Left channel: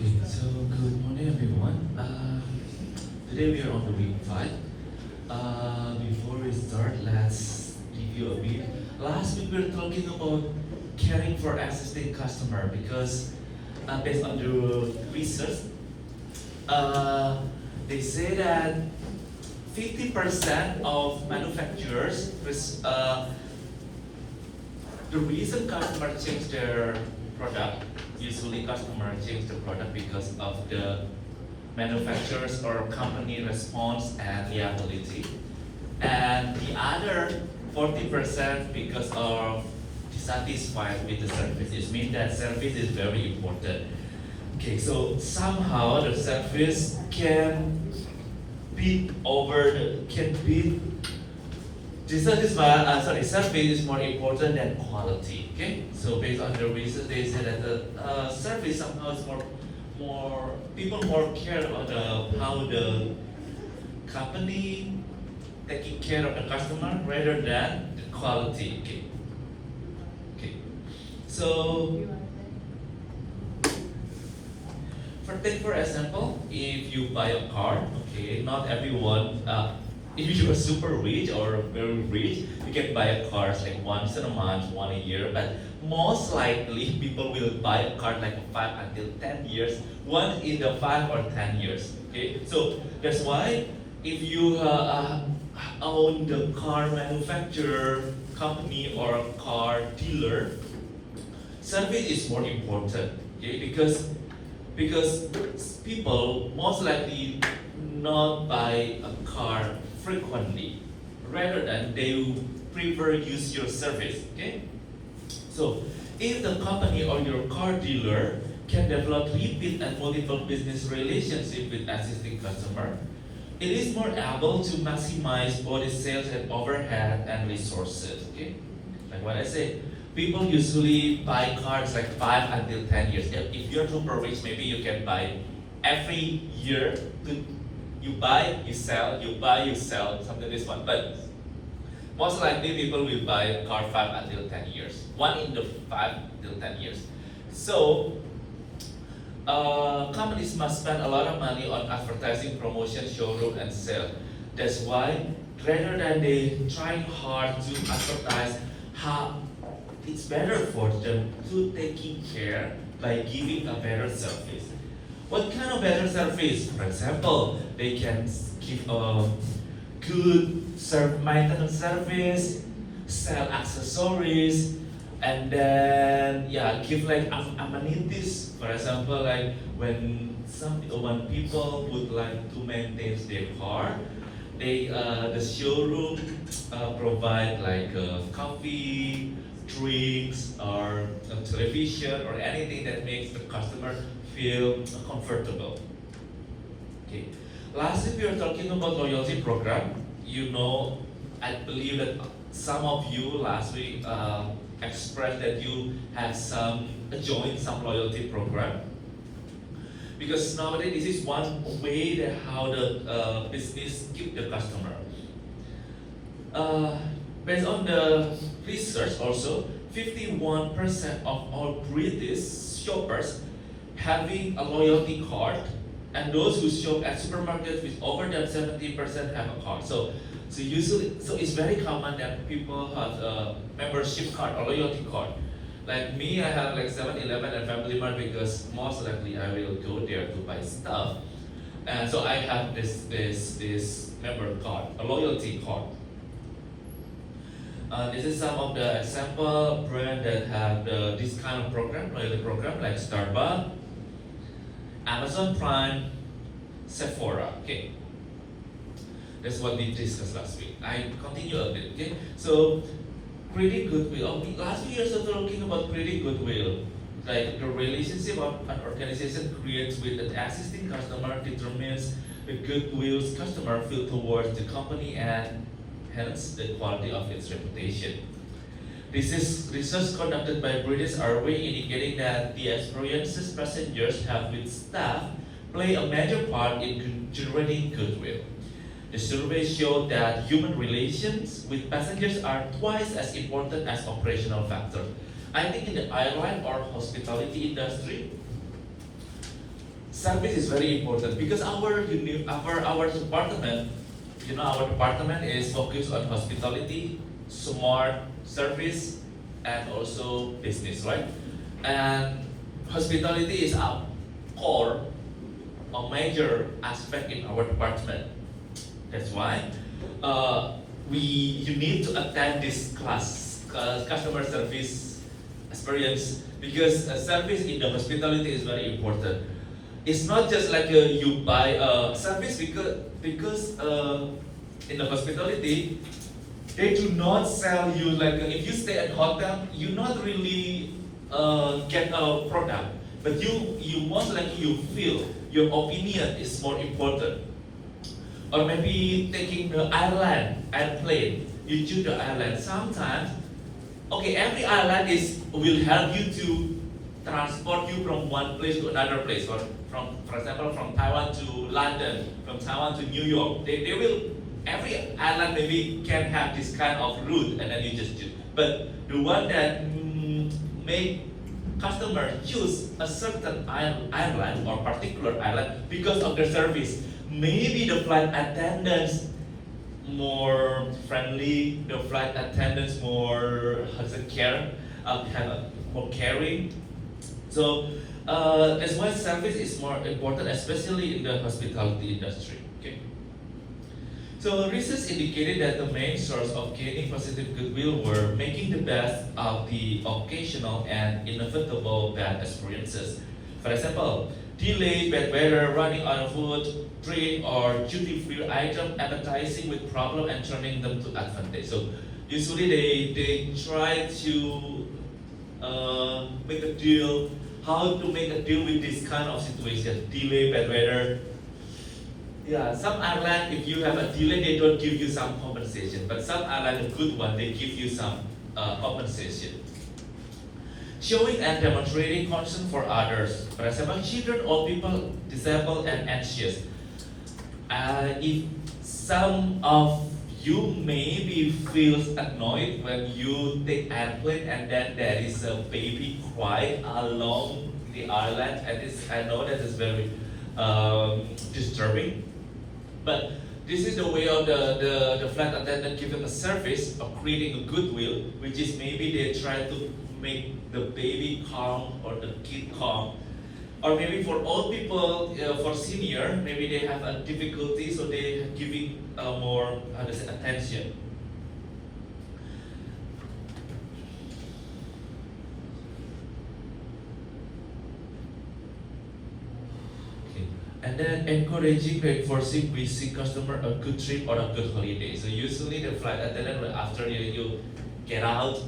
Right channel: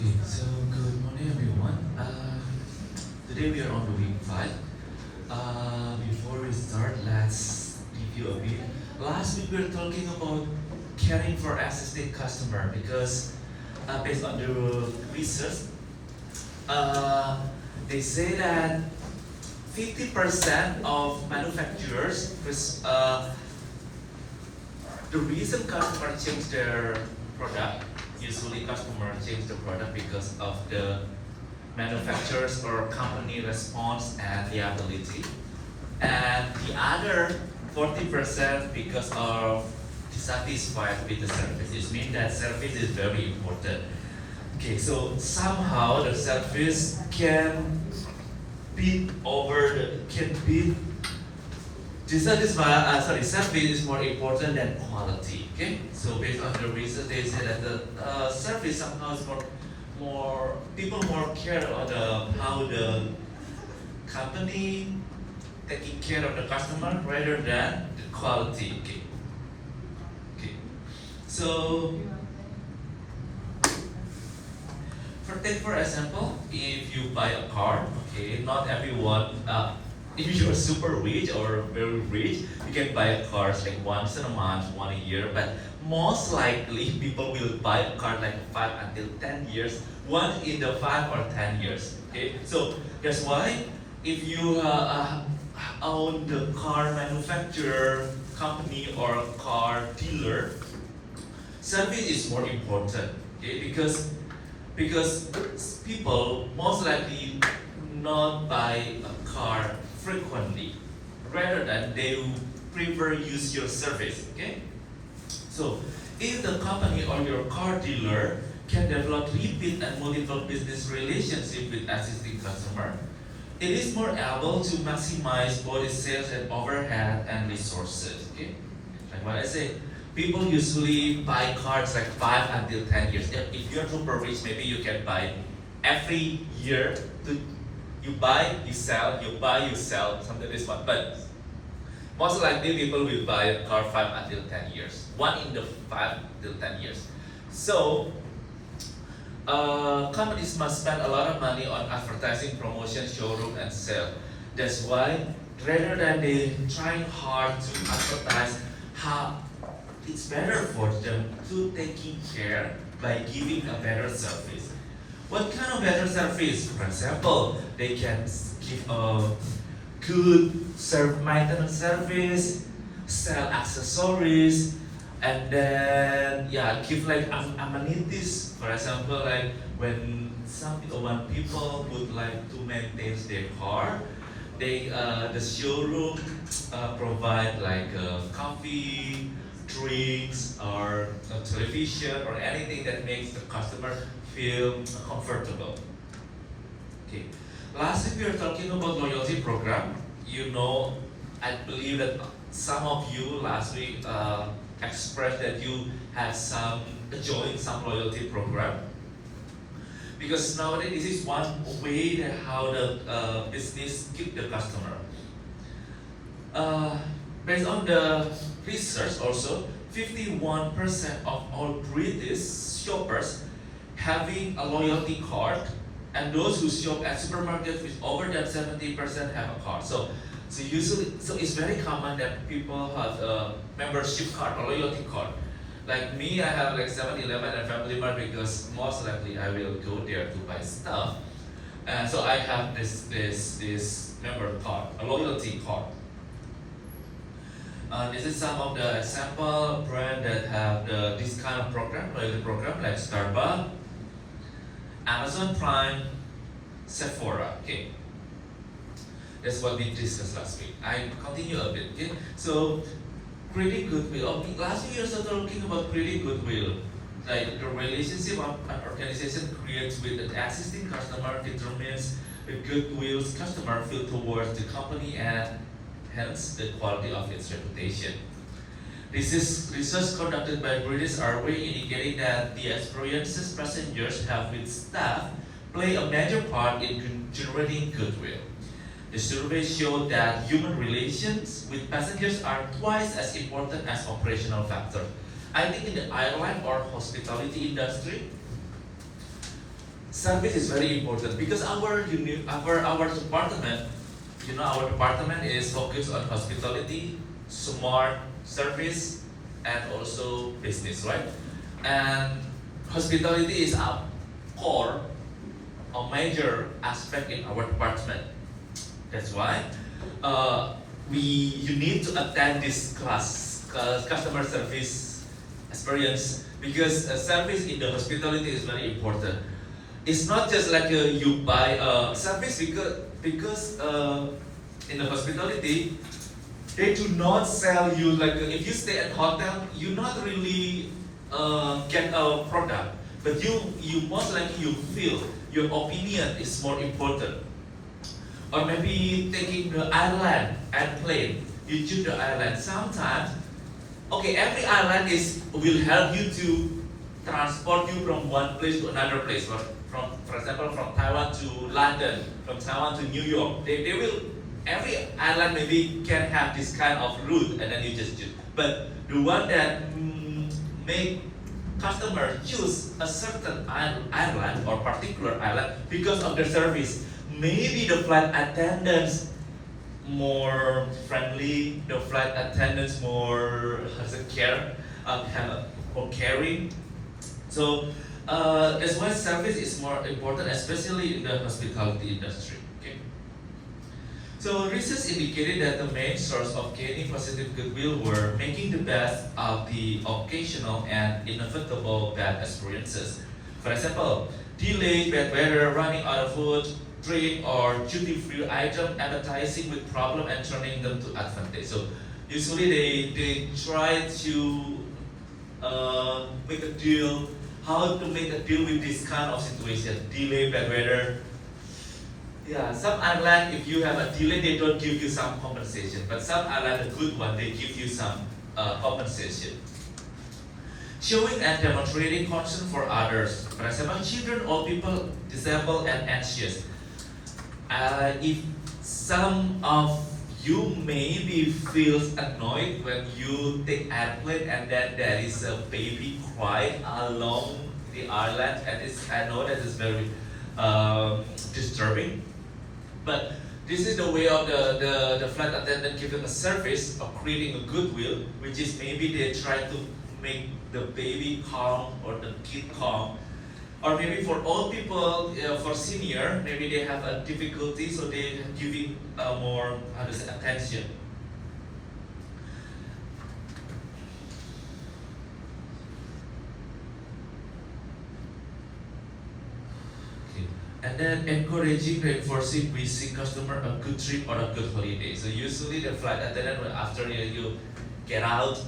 Okay, so good morning everyone. Today we are on the week 5. Before we start, let's review a bit. Last week we were talking about caring for existing customer because based on the research, uh, they say that 50% of manufacturers, the reason customer change their product, usually customer change the product because of the manufacturers or company response and reliability. And the other 40% because of dissatisfied with the service. It means that service is very important. Okay, so somehow the service can beat service is more important than quality. Okay, so based on the reason they say that the service somehow is more care about how the company taking care of the customer rather than the quality. Okay. Okay. So take for example, if you buy a car, okay, not everyone, if you're super rich or very rich, you can buy a car like once in a month, one a year, but most likely people will buy a car like 5 until 10 years, one in the 5 or 10 years, okay? So that's why if you own the car manufacturer company or car dealer, service is more important, okay? Because people most likely not buy a car frequently, rather than they will prefer use your service. Okay, so if the company or your car dealer can develop repeat and multiple business relationship with existing customer, it is more able to maximize both sales and overhead and resources. Okay, like what I said, people usually buy cars like 5 until 10 years. If you're super rich, maybe you can buy every year. You buy, you sell, you buy, you sell, something like this one. But most likely people will buy a car 5 until 10 years. One in the 5 till 10 years. So companies must spend a lot of money on advertising, promotion, showroom, and sale. That's why rather than they trying hard to advertise how it's better for them to taking care by giving a better service. What kind of better service? For example, they can give a good maintenance service, sell accessories, and then yeah, give like amenities. For example, like when people would like to maintain their car, the showroom provide like coffee, drinks, or television, or anything that makes the customer feel comfortable. Okay. Lastly, we are talking about loyalty program. You know, I believe that some of you last week expressed that you have joined some loyalty program, because nowadays this is one way that how the business keep the customer. Based on the research also, 51% of all British shoppers having a loyalty card, and those who shop at supermarkets with over than 70% have a card. So it's very common that people have a membership card or loyalty card. Like me, I have like 7-Eleven and Family Mart because most likely I will go there to buy stuff. And so I have this member card, a loyalty card. This is some of the example brand that have this kind of program, loyalty program, like Starbucks, Amazon Prime, Sephora. Okay, that's what we discussed last week. I continue a bit. Okay, so creating goodwill. Last week we also talking about creating goodwill, like the relationship of an organization creates with an existing customer determines the goodwill customer feel towards the company and hence the quality of its reputation. This is research conducted by British Airways indicating that the experiences passengers have with staff play a major part in generating goodwill. The survey showed that human relations with passengers are twice as important as operational factors. I think in the airline or hospitality industry, service is very important because our department, our department is focused on hospitality, smart service, and also business, right? And hospitality is a core, a major aspect in our department. That's why you need to attend this class, customer service experience, because service in the hospitality is very important. It's not just like you buy a service because in the hospitality they do not sell you like if you stay at hotel you not really get a product, but you most likely you feel your opinion is more important. Or maybe taking the airplane, you choose the airline. Sometimes, okay, every airline will help you to transport you from one place to another place. For example, from Taiwan to London, from Taiwan to New York. They will every island maybe can have this kind of route, and then you just choose. But the one that make customer choose a certain island or particular island because of the service. Maybe the flight attendants more friendly, the flight attendants more has a care, kind of more caring. So that's why service is more important, especially in the hospitality industry. Okay. So research indicated that the main source of gaining positive goodwill were making the best of the occasional and inevitable bad experiences. For example, delay, bad weather, running out of food, drink, or duty-free item appetizing with problem and turning them to advantage. So usually they try to make a deal, how to make a deal with this kind of situation, delay, bad weather. Yeah, some airline, if you have a delay, they don't give you some compensation. But some airline, the good one, they give you some compensation. Showing and demonstrating concern for others. For example, children, old people, disabled, and anxious. If some of you maybe feels annoyed when you take airplane and then there is a baby cry along the island, and I know that is very disturbing. But this is the way of the flight attendant giving a service of creating a goodwill, which is maybe they try to make the baby calm or the kid calm. Or maybe for old people, for senior, maybe they have a difficulty, so they giving more attention. Okay. And then encouraging, reinforcing, wishing customer a good trip or a good holiday. So usually the flight attendant, after you get out,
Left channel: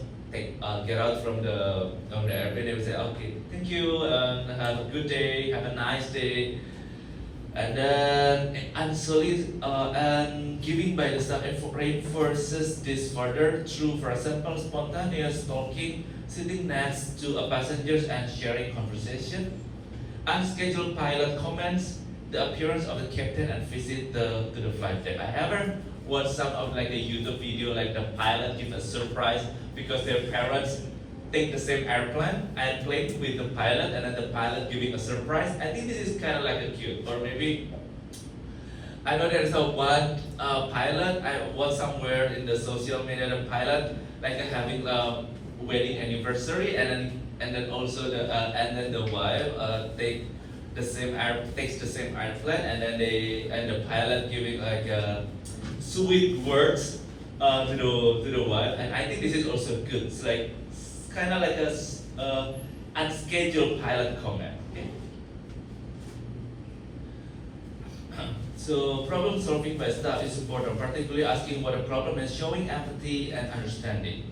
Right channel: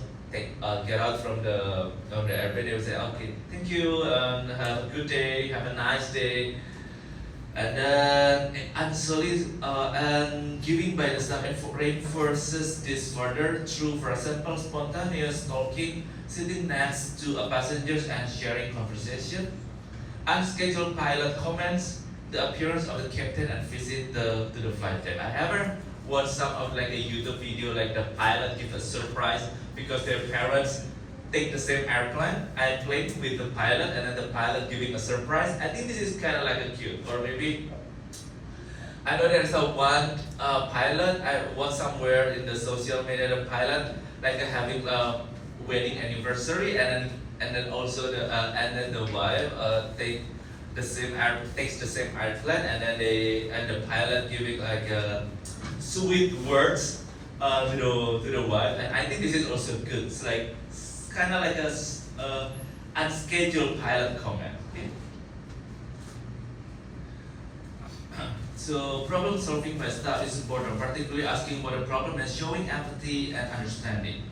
get out from the airplane, they will say, okay, thank you, have a good day, have a nice day. And then and giving by the staff reinforces this further through, for example, spontaneous talking, sitting next to a passengers and sharing conversation, unscheduled pilot comments, the appearance of the captain and visit to the flight deck. I ever watched some of like a YouTube video, like the pilot gives a surprise because their parents take the same airplane with the pilot, and then the pilot giving a surprise. I think this is kind of like a cute, or maybe I know there's a one pilot I watched somewhere in the social media. The pilot like having a wedding anniversary, and then also the wife takes the same airplane, and then the pilot giving like sweet words to the wife. And I think this is also good. It's like kind of like a unscheduled pilot comment. Okay? So problem solving by staff is important, particularly asking what a problem and showing empathy and understanding.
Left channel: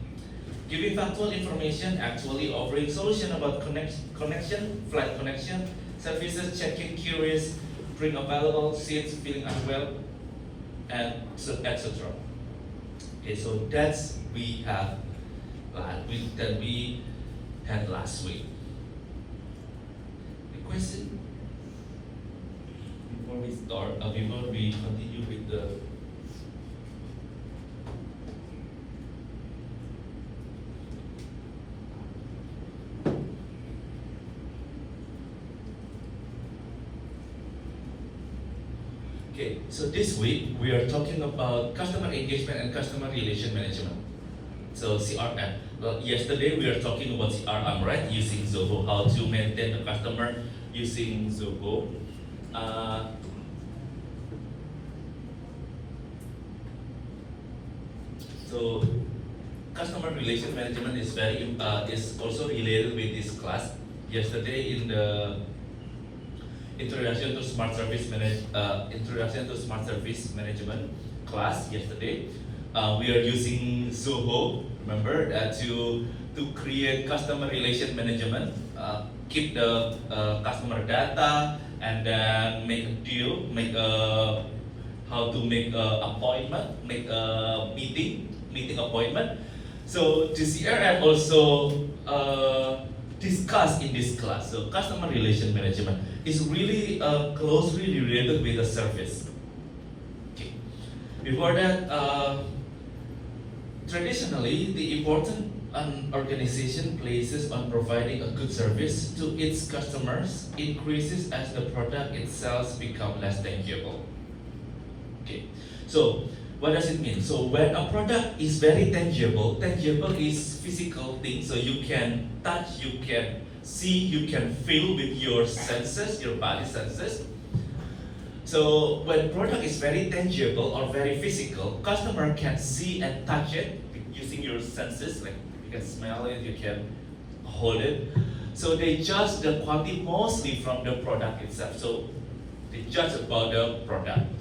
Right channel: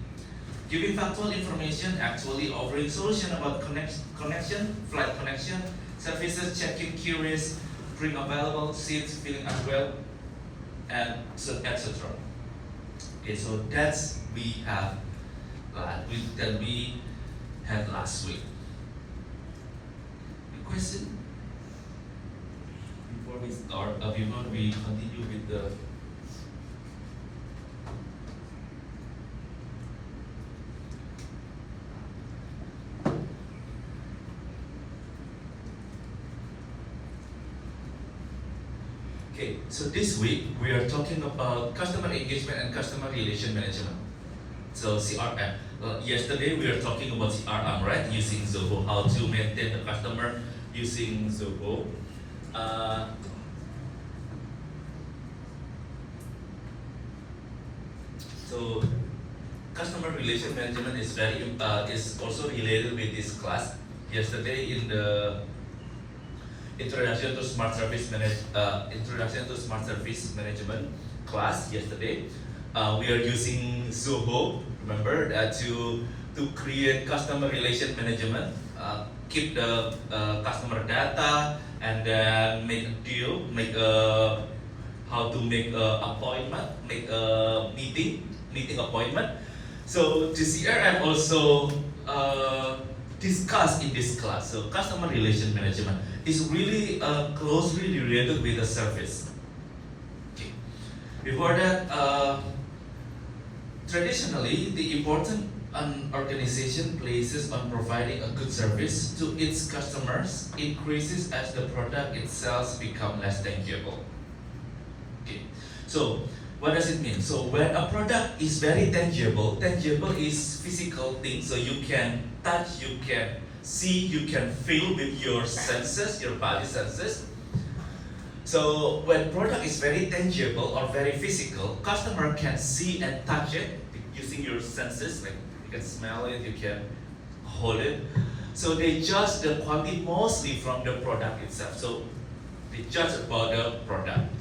Giving factual information, actually offering solution about connection, flight connection, services, check-in, curious, bring available seats, feeling unwell, and etc. Okay, so that's we have that we had last week. The question before we start, before we continue with the okay, so this week we are talking about customer engagement and customer relation management. So CRM. Yesterday we were talking about CRM, right? Using Zoho, how to maintain the customer using Zoho. So customer relation management is is also related with this class. Yesterday in the Introduction to Smart Service Management class yesterday, we are using Zoho. Remember to create customer relation management, keep the customer data, and then make a deal, how to make a appointment, make a meeting appointment. So the CRM also discussed in this class. So customer relation management is really closely related with the service. Okay. Before that, traditionally, the important an organization places on providing a good service to its customers increases as the product itself become less tangible. Okay, so what does it mean? So when a product is very tangible, tangible is physical thing, so you can touch, you can see, you can feel with your senses, your body senses. So when product is very tangible or very physical, customer can see and touch it using your senses, like you can smell it, you can hold it. So they judge the quality mostly from the product itself. So they judge about the product.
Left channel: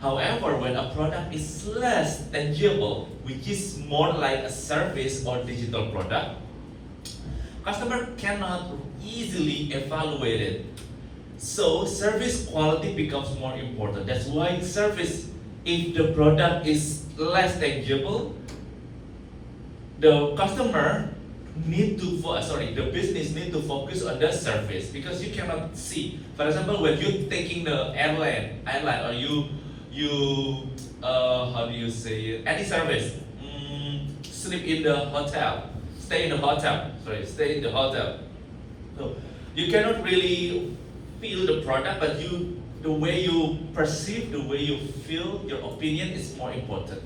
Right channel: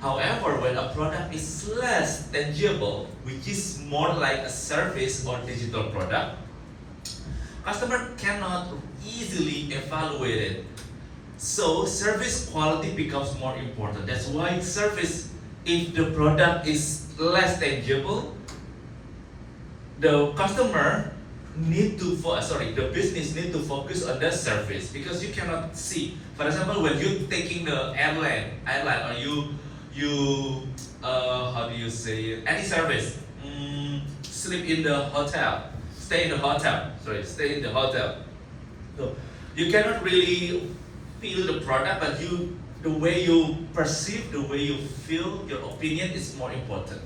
However, when a product is less tangible, which is more like a service or digital product, customer cannot easily evaluate it. So service quality becomes more important. That's why service, if the product is less tangible, the customer need to the business need to focus on the service because you cannot see. For example, when you're taking the airline, or you how do you say it? Any service, sleep in the hotel, stay in the hotel. Stay in the hotel. So you cannot really feel the product, but the way you perceive, the way you feel, your opinion is more important.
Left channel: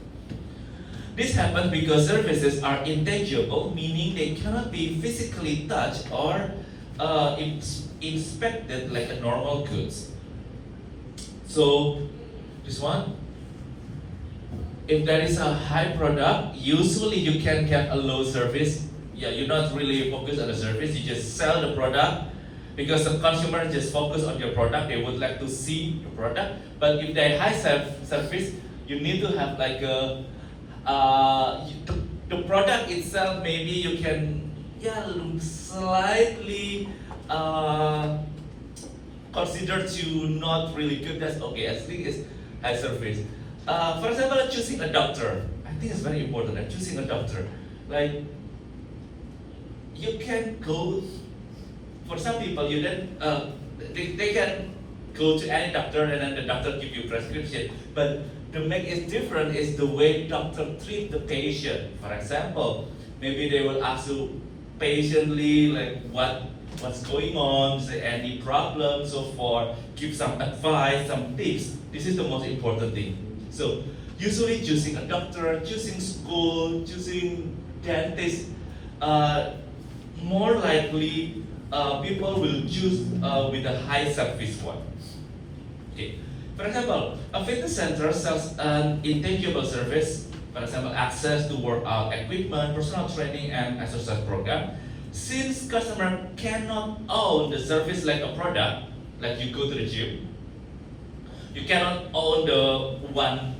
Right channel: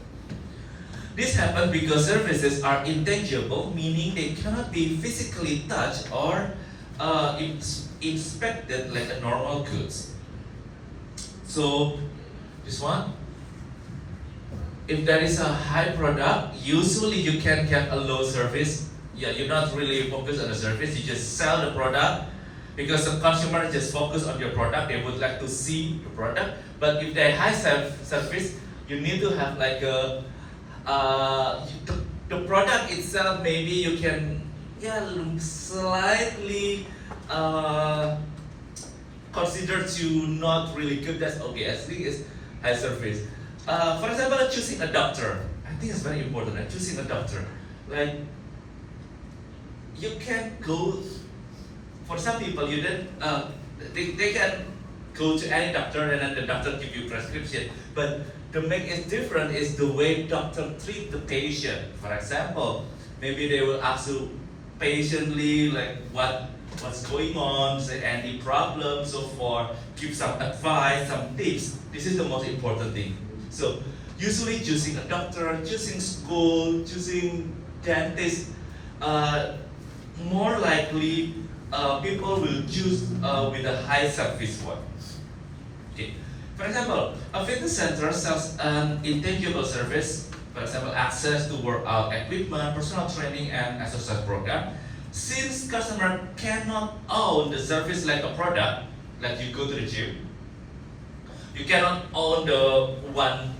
This happens because services are intangible, meaning they cannot be physically touched or inspected like a normal goods. So this one, if there is a high product, usually you can get a low service. Yeah, you're not really focused on the service, you just sell the product because the consumer just focus on your product, they would like to see the product. But if they high service, you need to have like the product itself, maybe you can slightly consider to not really good. That's okay. I think it's high service. For example, choosing a doctor. I think it's very important. Choosing a doctor, like you can go. For some people, you then they can go to any doctor and then the doctor give you prescription. But to make it different is the way doctor treat the patient. For example, maybe they will ask you patiently like what's going on, say any problems, so forth, give some advice, some tips. This is the most important thing. So usually choosing a doctor, choosing school, choosing dentist, more likely people will choose with a high service one. Okay. For example, a fitness center sells an intangible service, for example, access to workout equipment, personal training, and exercise program. Since customer cannot own the service like a product, like you go to the gym, you cannot own the one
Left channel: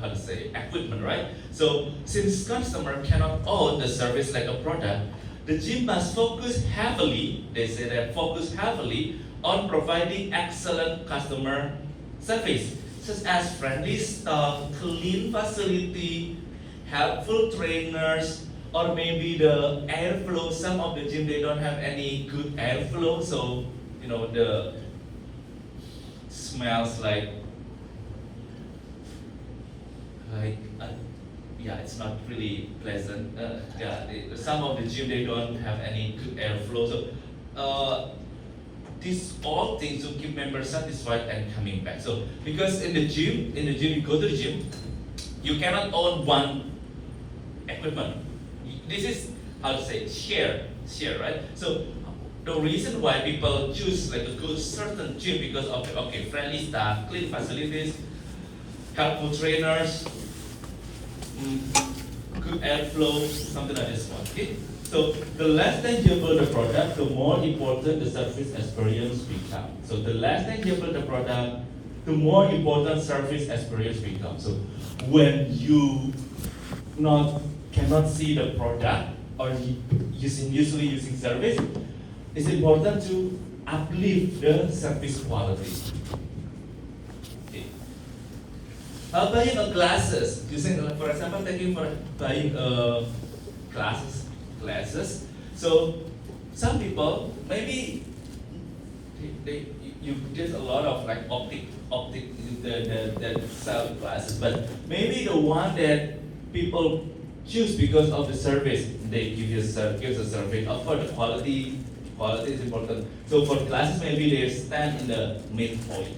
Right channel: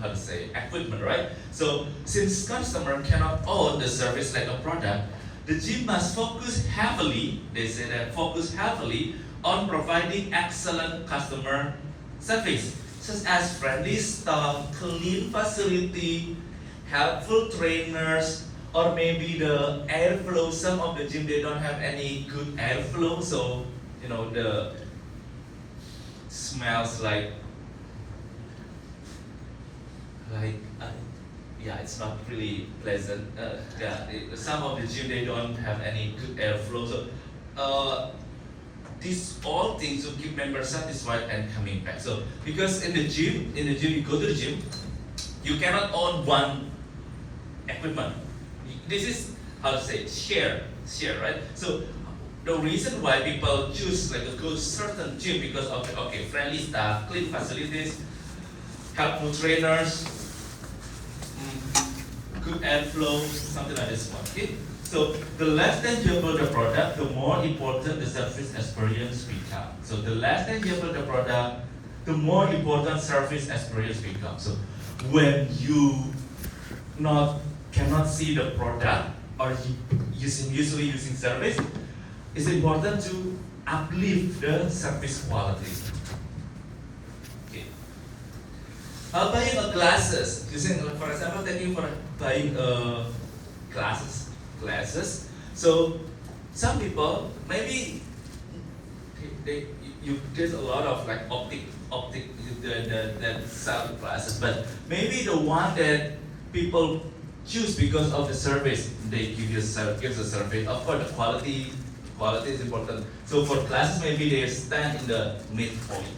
how to say equipment, right? So since customer cannot own the service like a product, the gym must focus heavily, they say that focus heavily on providing excellent customer service, such as friendly staff, clean facility, helpful trainers, or maybe the airflow. Some of the gym they don't have any good airflow, so the smells like it's not really pleasant. Some of the gym they don't have any good airflow, so these all things will keep members satisfied and coming back. So because in the gym you go to the gym, you cannot own one equipment. This is how to say it, share, right? So the reason why people choose like to go to certain gym because of the friendly staff, clean facilities, helpful trainers, good airflow, something like this one. Okay? So the less tangible the product, the more important the service experience becomes. So the less tangible the product, the more important service experience becomes. So when you cannot see the product or usually using service, it's important to uplift the service quality. Okay. Buying a glasses, for example, buying glasses. So some people maybe there's a lot of like optic the sound classes, but maybe the one that people choose because of the service they give you gives a service. Of course, the quality is important. So for classes, maybe they stand in the midpoint.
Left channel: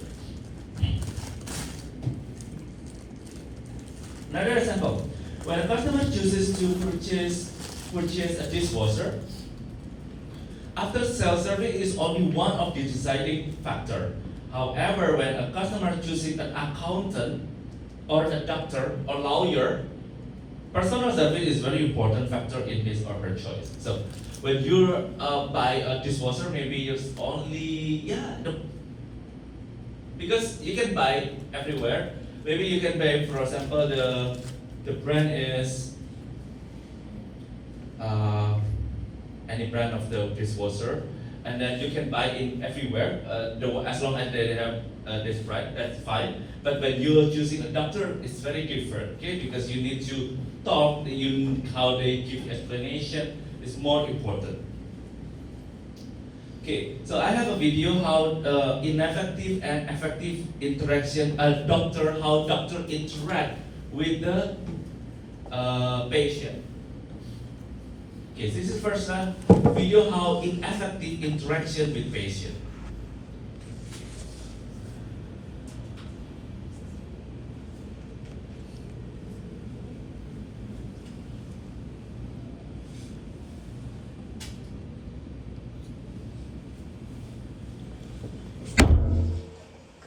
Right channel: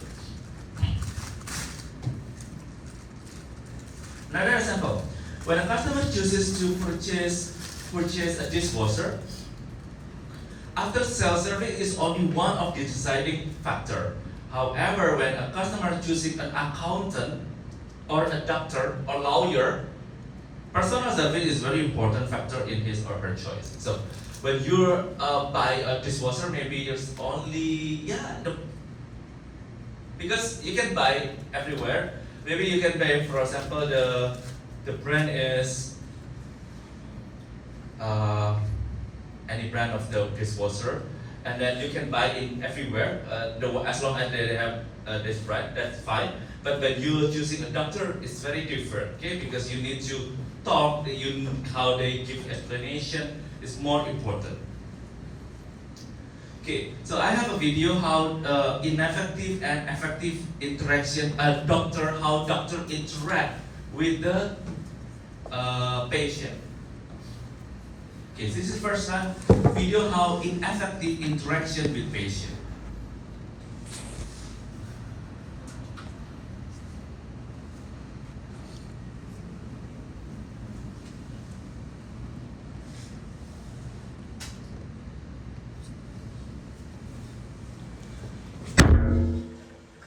Another example: when a customer chooses to purchase a dishwasher, after sales service is only one of the deciding factor. However, when a customer choosing an accountant or a doctor or lawyer, personal service is very important factor in his or her choice. So when you buy a dishwasher, maybe there's only because you can buy everywhere. Maybe you can buy, for example, the brand is any brand of the dishwasher, and then you can buy it everywhere. As long as they have this brand, that's fine. But when you're choosing a doctor, it's very different, okay? Because you need to talk, how they give explanation is more important. Okay, so I have a video how ineffective and effective interaction, how doctor interact with the patient. Okay, this is first one video how ineffective interaction with patient.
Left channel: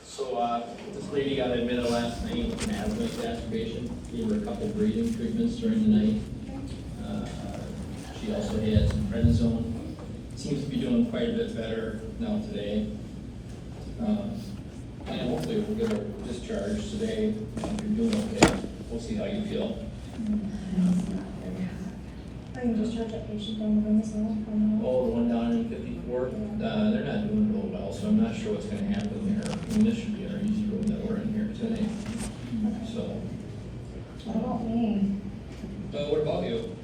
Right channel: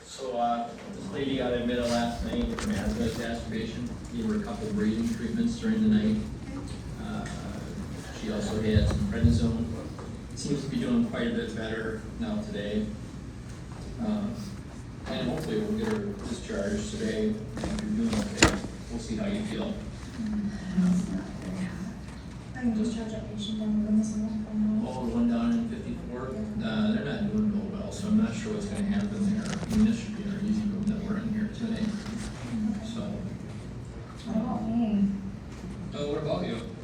So this lady got admitted last night in asthma exacerbation. Gave her a couple breathing treatments during the night. She also had some prednisone. Seems to be doing quite a bit better now today. And hopefully we'll get her discharged today. If you're doing okay, we'll see how you feel. I can just charge that patient down the this one. Oh, the one down in 54, they're not doing real well, so I'm not sure what's going to happen there. I mean, this should be our easy room that we're in here today. So, What about me? what about you?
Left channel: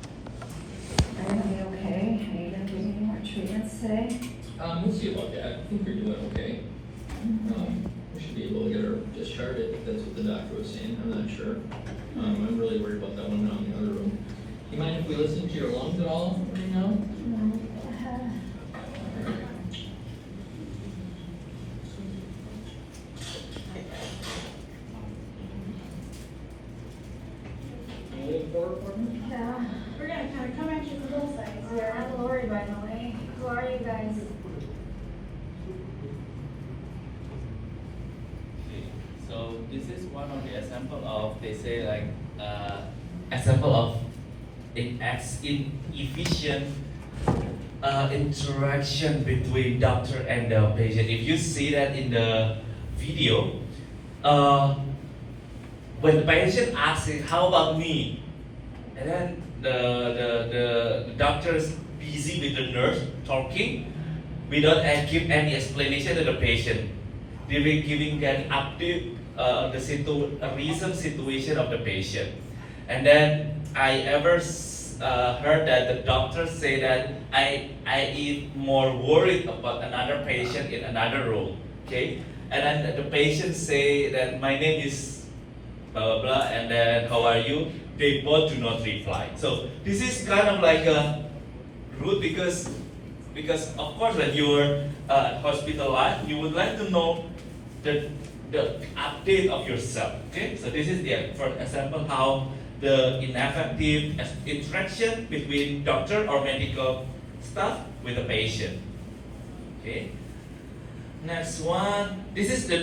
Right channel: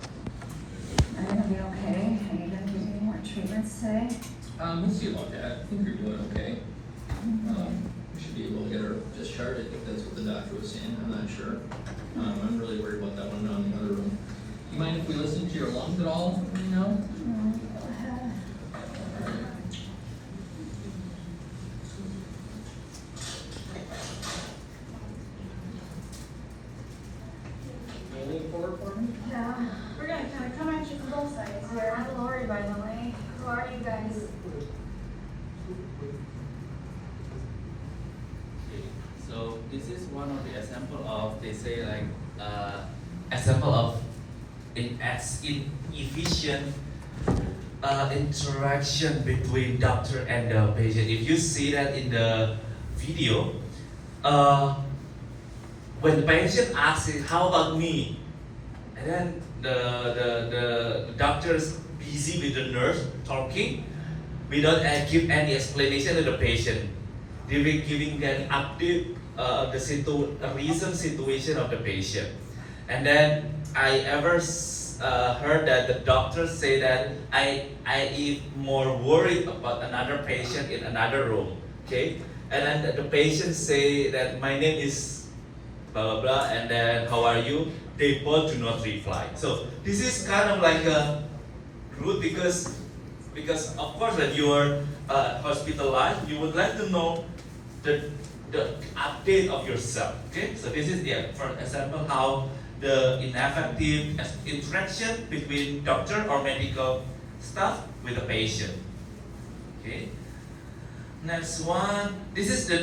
I'm gonna be okay. Are you gonna give me more treatments today? We'll see about that. I think you're doing okay. We should be able to get her discharged. I think that's what the doctor was saying. I'm not sure. I'm really worried about that one down in the other room. You mind if we listen to your lungs at all? You know? No, go ahead. Anything forward for me? Yeah. We're gonna kind of come at you from both sides here. I'm Lori, by the way. Who are you guys? Okay, so this is one of the example of, they say like example of inefficient interaction between doctor and the patient. If you see that in the video, when the patient asks, "How about me?" and then the doctor is busy with the nurse talking, without give any explanation to the patient. They will giving an update the recent situation of the patient. And then I ever heard that the doctor say that I is more worried about another patient in another room, okay? And then the patient say that my name is blah blah blah, and then how are you? They both do not reply. So this is kind of like a rude because of course when you are hospitalized, you would like to know the update of yourself. Okay, so this is for example how the ineffective interaction between doctor or medical staff with the patient. Okay. Next one. This is the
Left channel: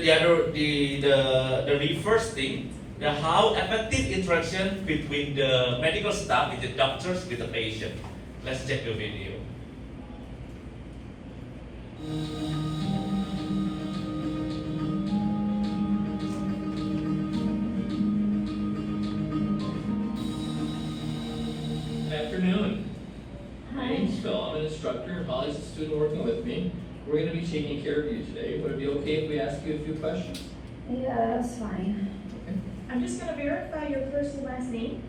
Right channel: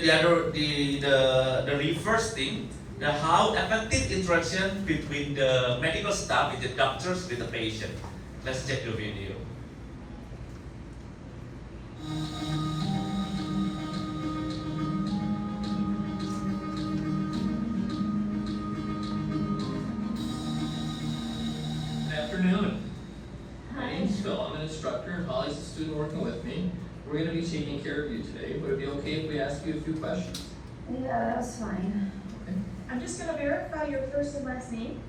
reverse thing. The how effective interaction between the medical staff with the doctors with the patient. Let's check the video. Good afternoon. My Hi. name's Phil. I'm an instructor and Holly's a student working with me. We're going to be taking care of you today. Would it be okay if we ask you a few questions? Yeah, that's fine. I'm just gonna verify your first and last name.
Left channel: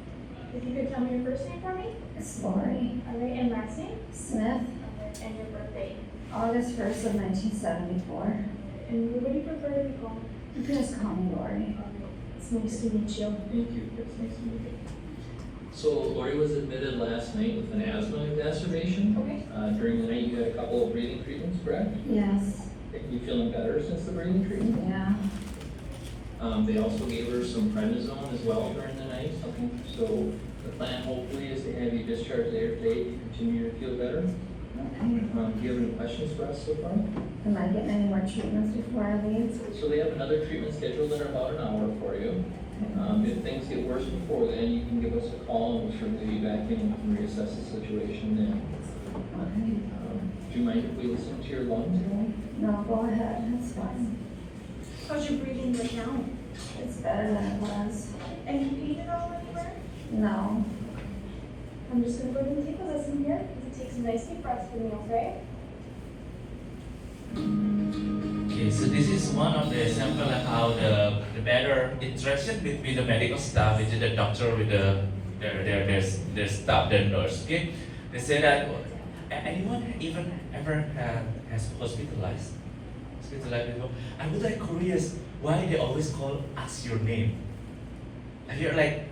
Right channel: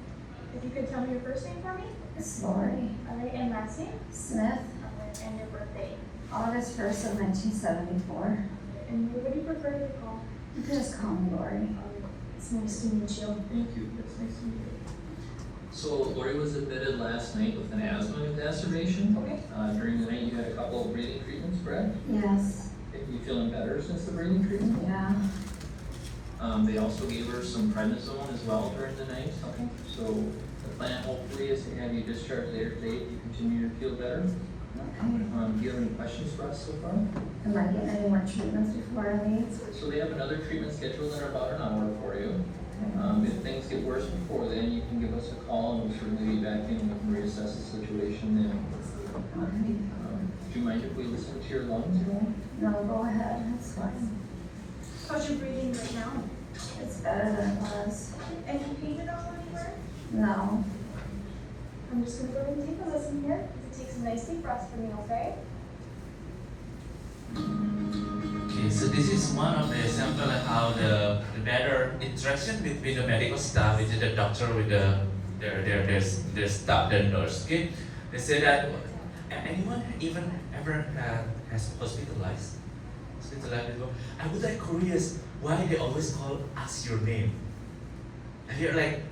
If you could tell me your first name for me. It's Lori. All right, and last name. Smith. Okay, and your birthday. August 1st of 1974. And what do you prefer to be called? You can just call me Lori. It's nice to meet you. Thank you. It's nice to meet you. So Lori was admitted last night with an asthma exacerbation. Okay. During the night, you had a couple of breathing treatments, correct? Yes, You feeling better since the breathing treatment? yeah. They also gave her some prednisone as well during the night. Okay. So the plan hopefully is to have you discharged later today if you continue to feel better. Okay. Do you have any questions for us so far? Am I getting any more treatments before I leave? So they have another treatment scheduled in about an hour for you. If things get worse before then, you can give us a call and we'll certainly be back in and reassess the situation then. Okay. Do you mind if we listen to your lungs? No, go ahead, that's fine. How's your breathing right now? It's better than it was. Any pain at all anywhere? No. I'm just gonna go ahead and take a listen here. Take some nice deep breaths for me, okay? Okay, so this is one of the example of how the better interaction between the medical staff, with the doctor, with their staff, the nurse. Okay, they say that anyone even ever has hospitalized before. I would like curious why they always call us your name. And you're like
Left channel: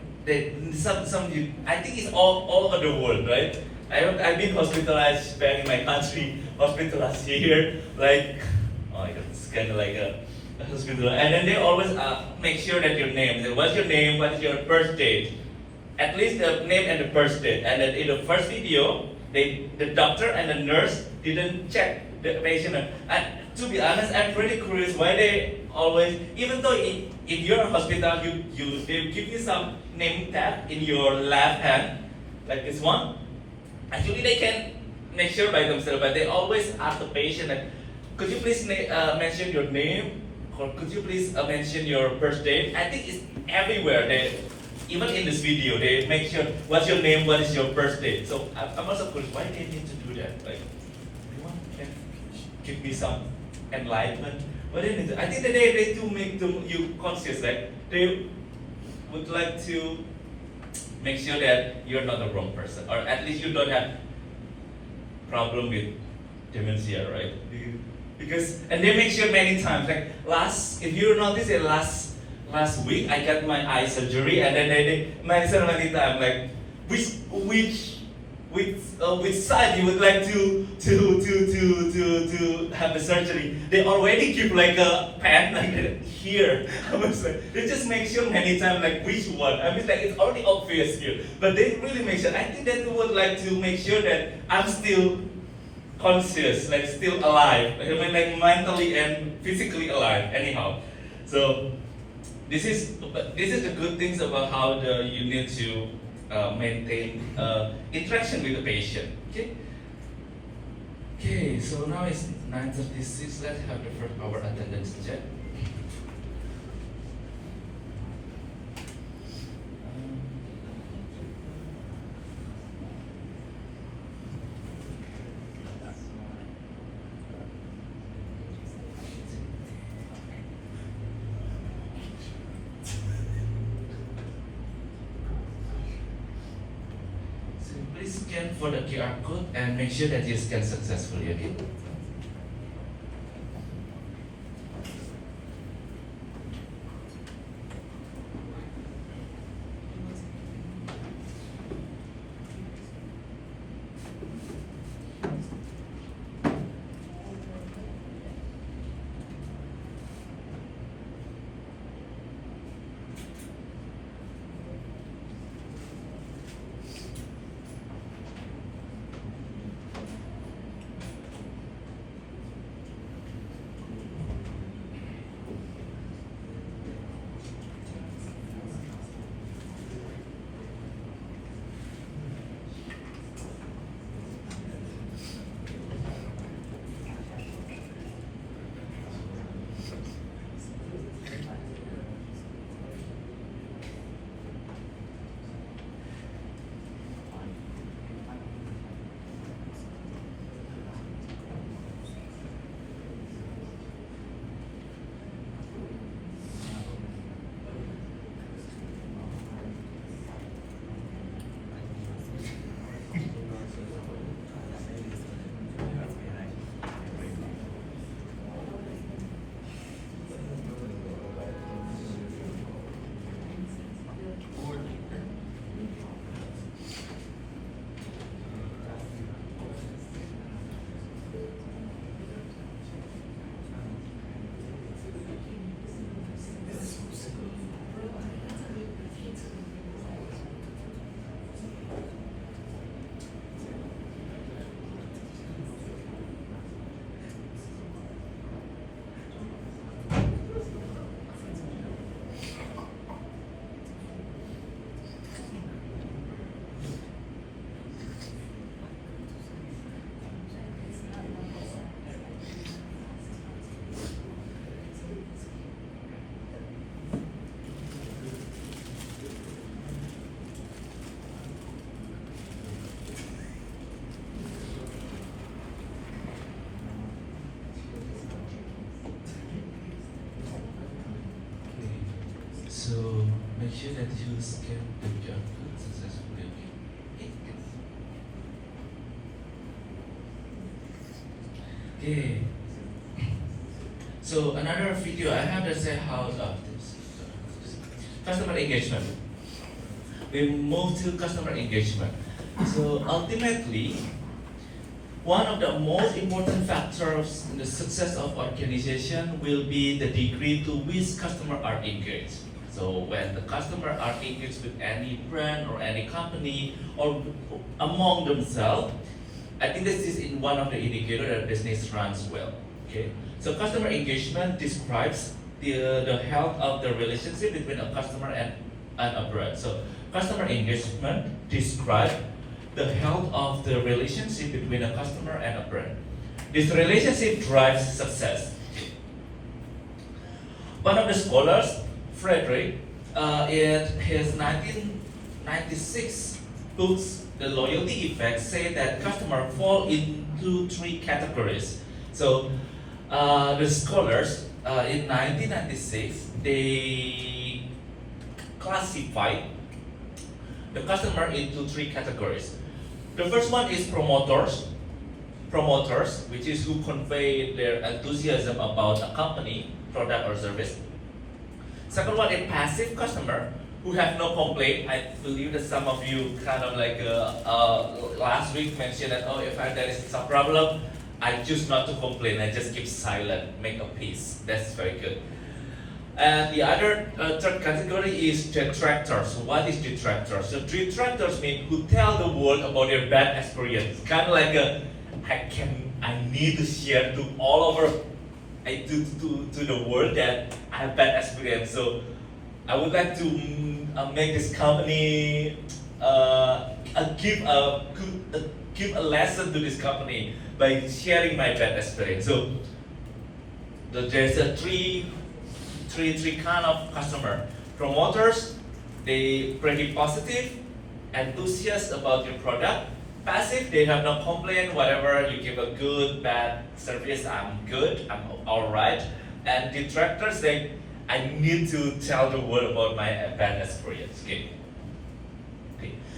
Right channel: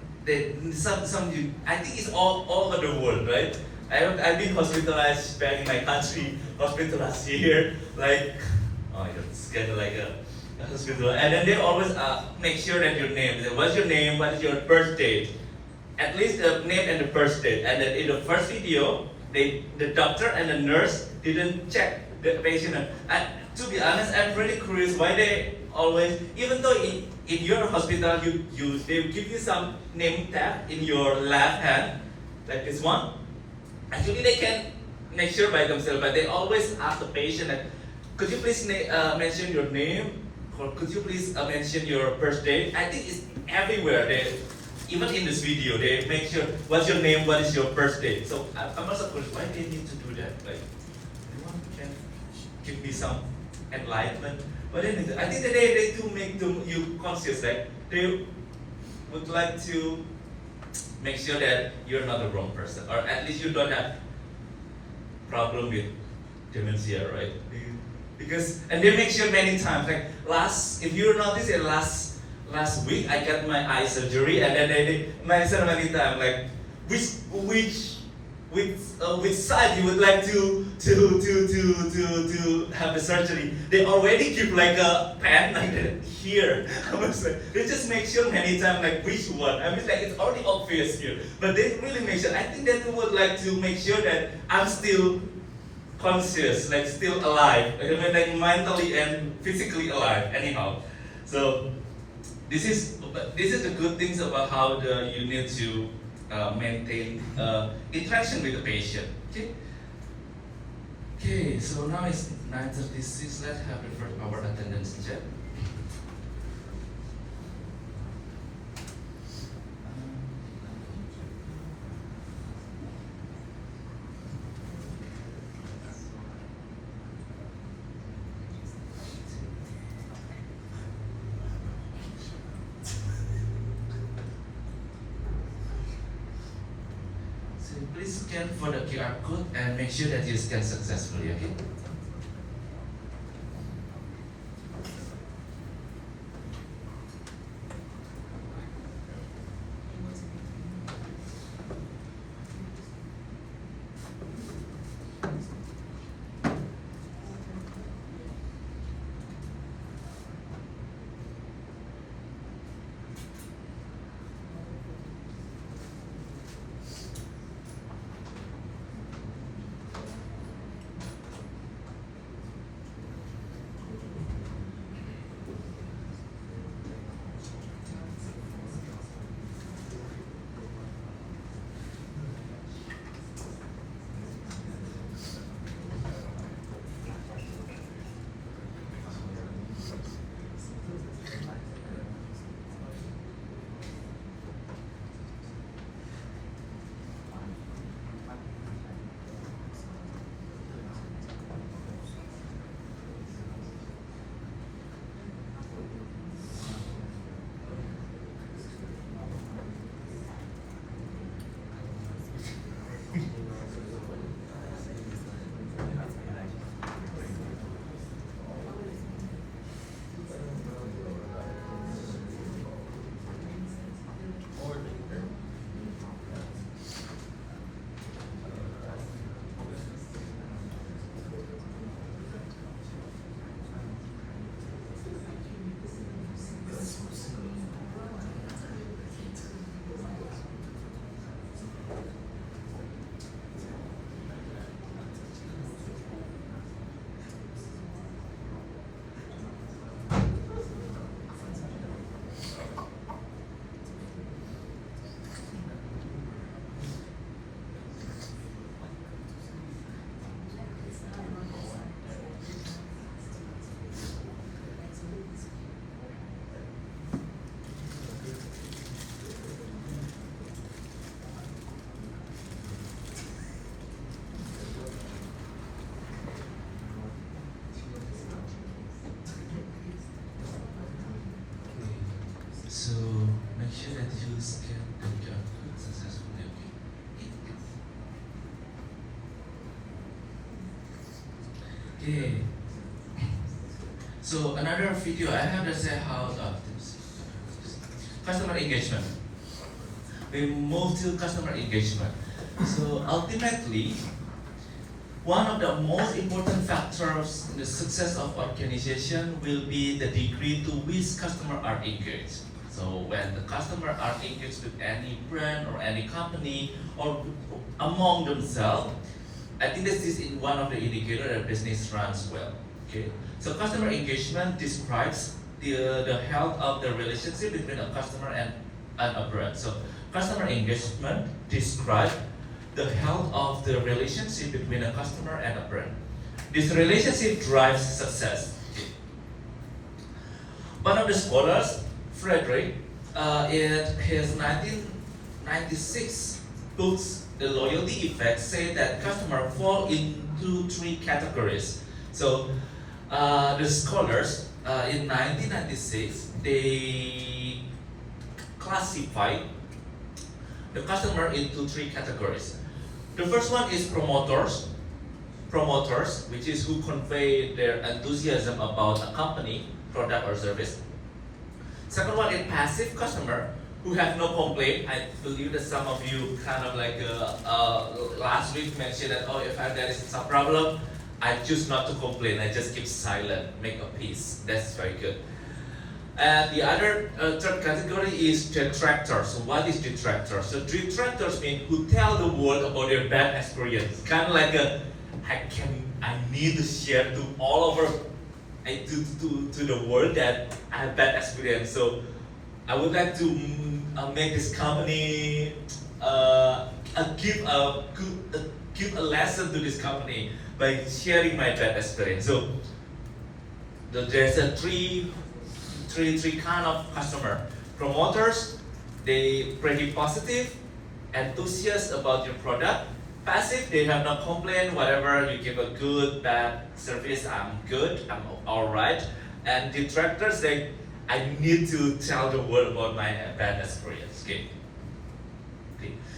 some you. I think it's all over the world, right? I've been hospitalized back in my country, hospitalized here, like, oh my god, it's kind of like a hospital. And then they always make sure that your name, what's your name, what is your birth date, at least the name and the birth date. And then in the first video, the doctor and the nurse didn't check the patient. And to be honest, I'm pretty curious why they always, even though in your hospital, they give you some name tag in your left hand, like this one. Actually, they can make sure by themselves, but they always ask the patient, like, could you please mention your name, or could you please mention your birth date? I think it's everywhere. Even in this video, they make sure what's your name, what is your birth date. So I'm also curious, why they need to do that? Like, anyone can give me some enlightenment? But then I think that they do make you conscious that they would like to make sure that you're not the wrong person, or at least you don't have problem with dementia, right? Because and they make sure many times. Like if you notice it, last week I got my eye surgery, and then they mention many times like which side you would like to have the surgery. They already give like a pen like here. I was like, they just make sure many times like which one. I mean like it's already obvious here, but they really make sure. I think they would like to make sure that I'm still conscious, like still alive. I mean like mentally and physically alive. Anyhow, so this is the good things about how you need to maintain interaction with the patient. Okay, so now it's 9:36. Let's have the first hour attendance check. Please scan for the QR code and make sure that you scan successfully, okay? scan the QR code successfully. Okay. So another video I have to say how customer engagement. We move to customer engagement. So ultimately, one of the most important factors in the success of organization will be the degree to which customers are engaged. So when the customers are engaged with any brand or any company or among themselves, I think this is in one of the indicators that business runs well. Okay, so customer engagement describes the health of the relationship between a customer and a brand. So customer engagement describes the health of the relationship between a customer and a brand. This relationship drives success. One of the scholars, Frederick, in his 1996 books, The Loyalty Effect, say that customers fall into three categories. So the scholars in 1996, they classified the customer into three categories. The first one is promoters, which is who convey their enthusiasm about a company, product or service. Second one is passive customer, who have no complaint. I believe that some of you kind of like last week mentioned that, if there is some problem, I choose not to complain, I just keep silent, make a peace. That's very good. And the other third category is detractors. So what is detractors? So detractors mean who tell the world about their bad experience. Kind of like I need to share to all over, to the world that I have bad experience. So I would like to make this company give a lesson to this company by sharing my bad experience. So there's a three kind of customer. Promoters, they pretty positive, enthusiastic about your product. Passive, they have no complaint, whatever, you give a good, bad service, I'm good, I'm alright. And detractors, I need to tell the world about my bad experience. Okay.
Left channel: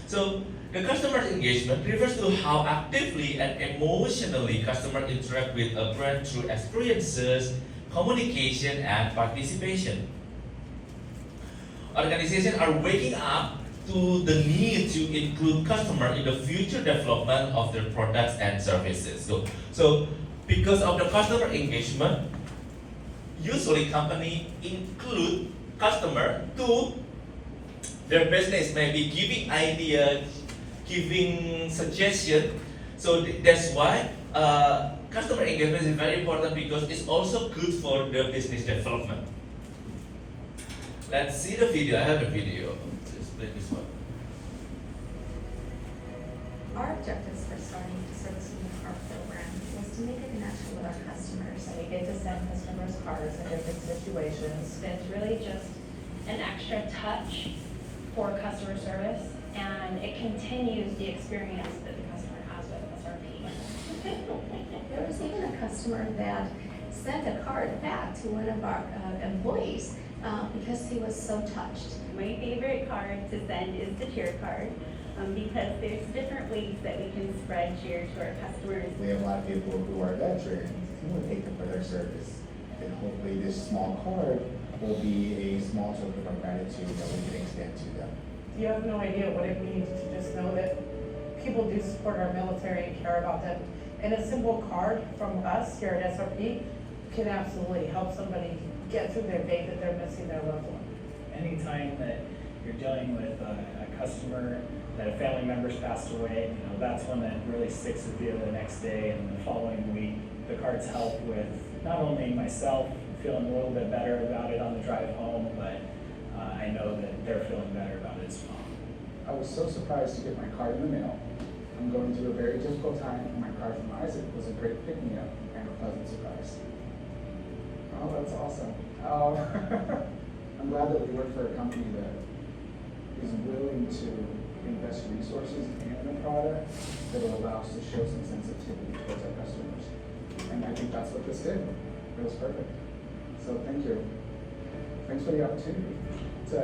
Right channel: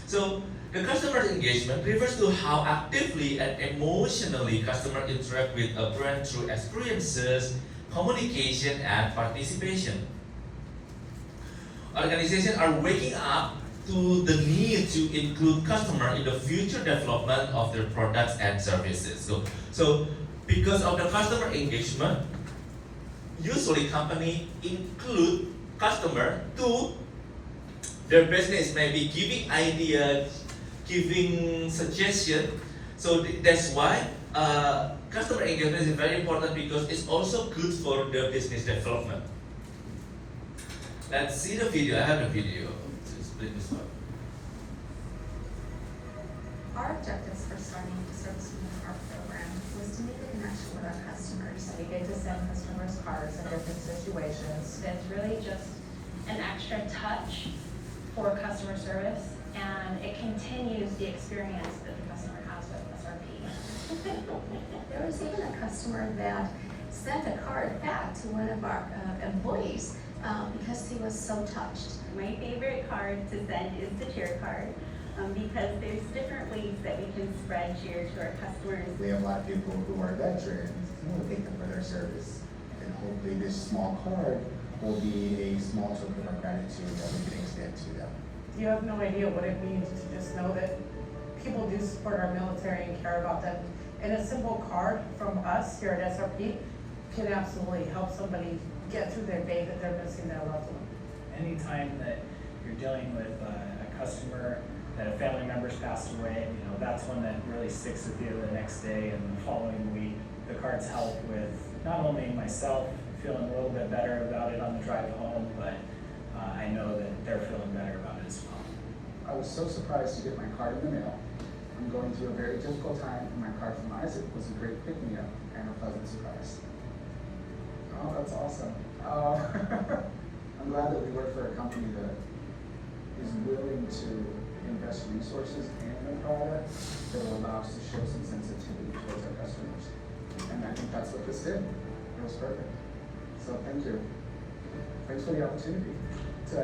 So the customer engagement refers to how actively and emotionally customers interact with a brand through experiences, communication, and participation. Organizations are waking up to the need to include customers in the future development of their products and services. So because of the customer engagement, usually companies include customer to their business, maybe giving ideas, giving suggestions. So that's why customer engagement is very important because it's also good for the business development. Let's see the video. I have the video. Let's play this one. Our objectives for starting the Service Union Card program was to make a connection with our customers. We get to send customers cards in different situations. It's really just an extra touch for customer service, and it continues the experience that the customer has with SRP. There was even a customer that sent a card back to one of our employees because he was so touched. My favorite card to send is the cheer card, because there's different ways that we can spread cheer to our customers. We have a lot of people who are veterans, and we thank them for their service. And hopefully this small card will be a small token of gratitude that we can extend to them. You have no idea what it means to just know that people do support our military and care about them. And a simple card from us here at SRP can absolutely help somebody get through their day that they're missing their loved one. Anytime that you're dealing with a customer that a family member's passed away, that's one that really sticks with you the next day and the following week. The cards help with not only myself feeling a little bit better about it on the drive home, but I know that they're feeling better about it as well. I was so surprised to get my card in the mail. I'm going through a very difficult time, and my card from Isaac was a great pick-me-up and a pleasant surprise. Oh, that's awesome. Oh, I'm glad that we work for a company that is willing to invest resources in a product that will allow us to show some sensitivity towards our customers. And I think that's what this did. It was perfect. So thank you. Thanks for the opportunity to,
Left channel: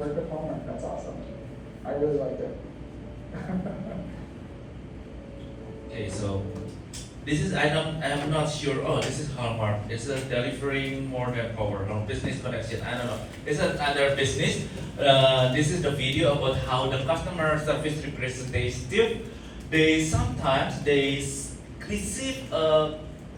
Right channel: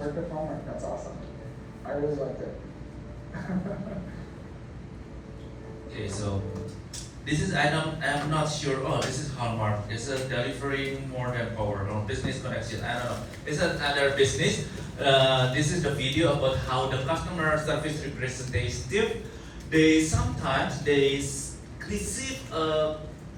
Work with homework, that's awesome. I really liked it. Okay, so this is I'm not sure. Oh, this is Hallmark. It's a delivering more than power. No, business connection. I don't know. It's another business. This is the video about how the customer service representative sometimes receive a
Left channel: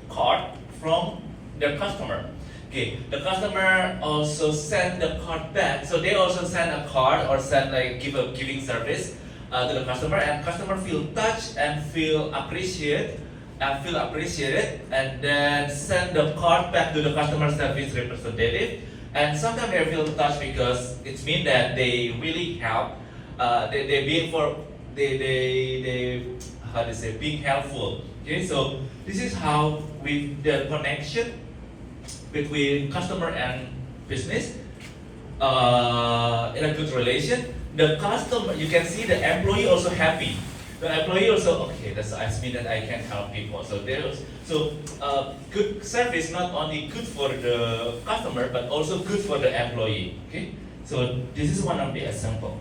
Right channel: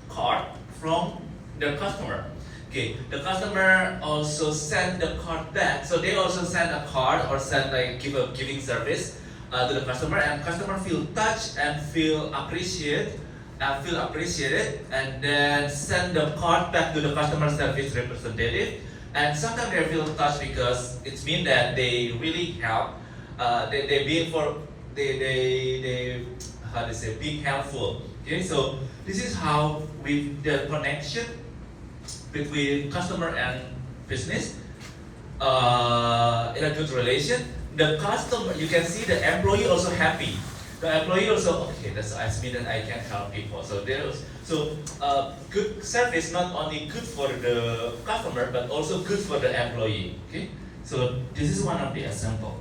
card from the customer. Okay, the customer also send the card back. So they also send a card or send like giving service to the customer, and customer feel touched and feel appreciated, and then send the card back to the customer service representative. And sometimes they feel touched because it means that they really help. They how to say, being helpful. Okay, so this is how with the connection between customer and business in a good relation. The customer, you can see the employee also happy. The employee also, okay, that's means that I can help people. So good service not only good for the customer but also good for the employee. Okay, so this is one of the example.